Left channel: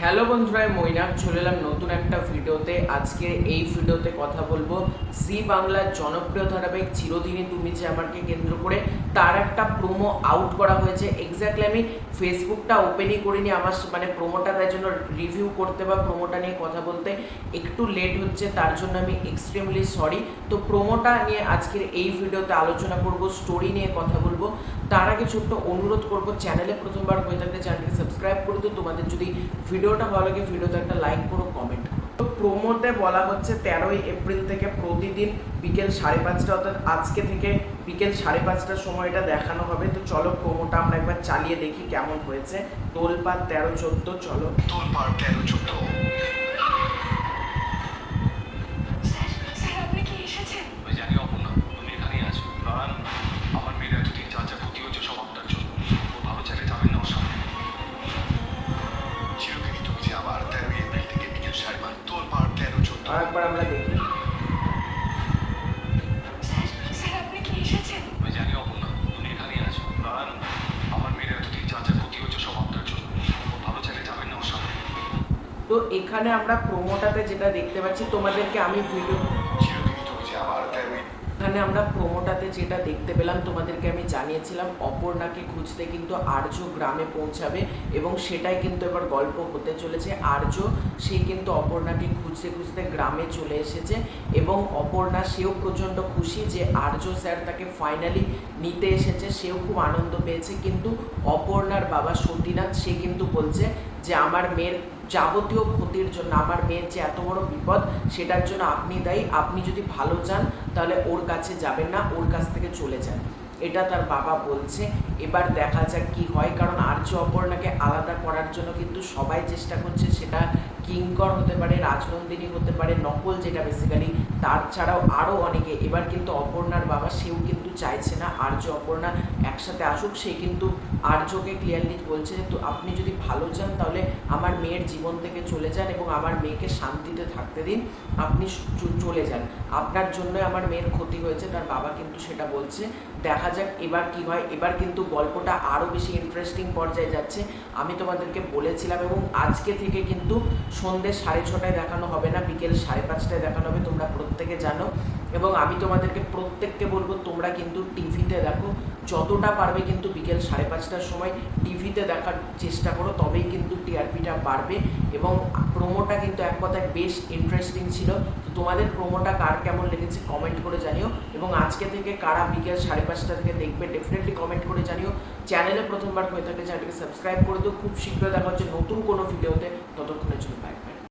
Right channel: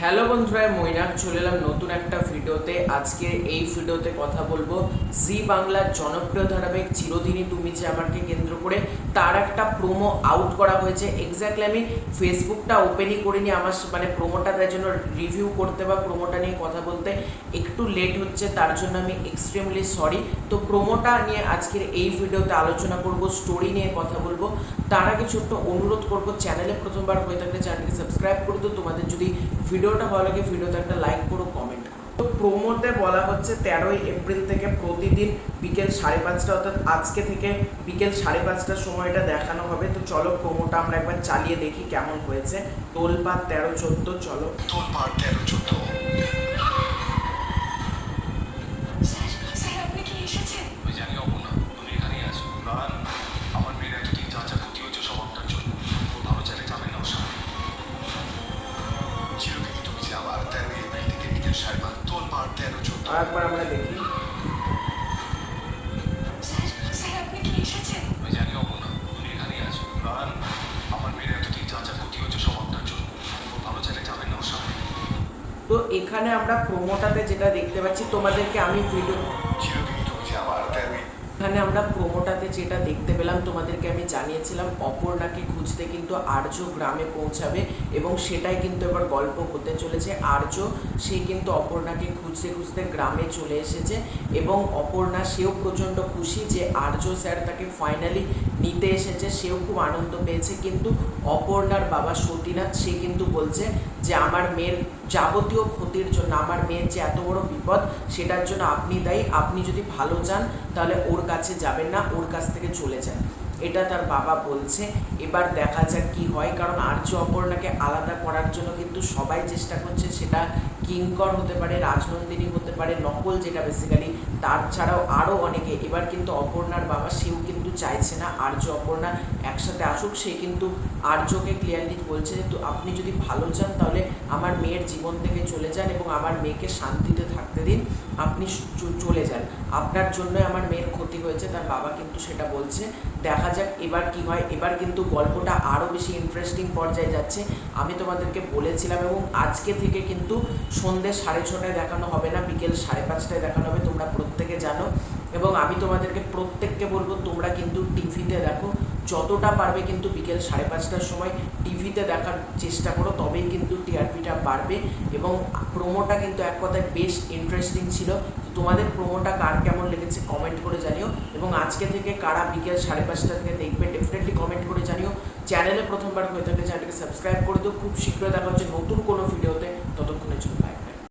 Hello বন্ধুরা, মৈনাক চলে এলাম নতুন একটা ভিডিওতে। আজকে এই ভিডিওতে কথা বলবো জি বাংলার জনপ্রিয় ধারাবাহিক চিরদিনই তুমি যে আমাকে কেন্দ্র করে তার একটা প্রোমো আউট করা হয়েছে। এক্স্যাক্টলি আমি ফেসবুকটা ওপেনই করিনি, আমার প্রোমোটা তাই জন্য রিভিউ করতে বা প্রোমোটা নিয়ে কথা বলতে একটু লেট হচ্ছে, তার জন্য আমি এক্সট্রিমলি সরি। তো প্রোমোটা নিয়ে আজকের এই ভিডিওতে আলোচনা করব, স্টোরি নিয়ে কথা বলবো। তার আগে ছোট্ট অনুরোধ করব, চ্যানেলে প্রথমবার হয়ে থাকলে চ্যানেলটিকে সাবস্ক্রাইব করে দিও। তোমাদের যদি ভিডিওটা ভালো লাগে ভিডিওতে একটা লাইক করো, কমেন্ট করো। তো প্রোমোতে বলা হচ্ছে 13ই এপ্রিল থেকে প্রতিদিন বিকেল 5:30 অর্থাৎ আজকে থেকে বিকেল 5:30টার সময়টা দেখানো হবে। তো চলো প্রোমোটা আমরা একবার চালিয়ে দেখি কেমন হয়েছে। তোলপাড় 13-14, চলো। তোলপাড় 13-14। আরেকবার আমরা দেখি। তো এখানে আমরা প্রোমোটাতে যেটা দেখতে পাচ্ছি, তোমাদেরকে আমি এখানে আমরা প্রোমোটাতে যেটা দেখতে পেলাম তোমাদেরকে আমি জানিয়েছিলাম অপর্ণাকে খুঁজতে কিন্তু আর্য গ্রামে পৌঁছাবে এবং সেটাই কিন্তু এবার গল্প হতে চলেছে। আর্য সে কিন্তু অপর্ণাকে খুঁজতে খুঁজতে গ্রামে চলে এসেছে এবং অপর্ণা সেও প্রচণ্ড খুশি যে আর্য স্যার তাকে ফাইনালি নিতে এসেছে, সেও খুব আনন্দ পেয়েছে। কিন্তু অপর্ণার বাবা সতীনাথ সে কিন্তু বলছে যে আমার মেয়ের যাবতীয় ক্ষতির জন্য, আমার মেয়ের যে এত বড় বিপদ সেটার জন্য আপনি দায়ী। আপনি যদি ভালো চান তাহলে ওর কাছে যাবেন না, ওর কাছ থেকে চলে যান, এটা তার বাবা বলছে। এবার দেখা যাক কি হয়, কারণ আর্য অপর্ণাকে আলাদা করার জন্য কিন্তু সবাই চেষ্টা করছে। সেটা কিঙ্কর হতে পারে, রাজনন্দিনী হতে পারে, নকল যেটা বেসিক্যালি, তার ছাড়াও আরও অনেকে। এবার কিন্তু অপর্ণার বাবা সেও কিন্তু চাইছে না আর্য অপর্ণা একসাথে আসুক। সে কিন্তু আর্যকে ক্লিয়ারলি বলছে যে তো আপনি যদি ভালো চান তাহলে আমার মেয়ের জীবন থেকে চলে যান এবং আমার মেয়েকে শান্তিতে থাকতে দিন, আপনি চলে যান, আপনার জন্যই আমার মেয়ের ক্ষতি হয়েছে, তার বাবা কিন্তু সেটা বলছে। দেখা যাক এবার কি হয়। এবার কিন্তু গল্পটা আরও বেশি ইন্টারেস্টিং পর্যায়ে যাচ্ছে। আমি তোমাদেরকে বলেছিলাম এবং আজকে থেকে কিন্তু সন্ধ্যে 6:30টায় দেখানো হবে না, বিকেল 5:30টায় দেখানো হবে, তোমরা প্রত্যেকে জানো। এবং আমি তোমাদেরকে প্রত্যেককে বলবো তোমরা কিন্তু টিভিতে দেখো, যতটা পারবে কিন্তু বিকেল 5:30টার সময় টিভিতে দেখার চেষ্টা করো, তবেই কিন্তু টিআরপিটা বাড়বে। এবং প্রোমোটা কিন্তু এক কথায় বেশ ইন্টারেস্টিং ছিল। তো তোমাদের প্রোমোটা কার কেমন লেগেছে কমেন্ট করে জানিও, এবং আজকে থেকে কারা বিকেল 5:30টা থেকে দেখবে ডেফিনেটলি কমেন্ট করে জানিও। চ্যানেলে প্রথমবার হয়ে থাকলে চ্যানেলটাকে সাবস্ক্রাইব করে দিও। খুব শীঘ্রই দেখা হচ্ছে নতুন কোনো ভিডিওতে, ততক্ষণের জন্য বাই বাই।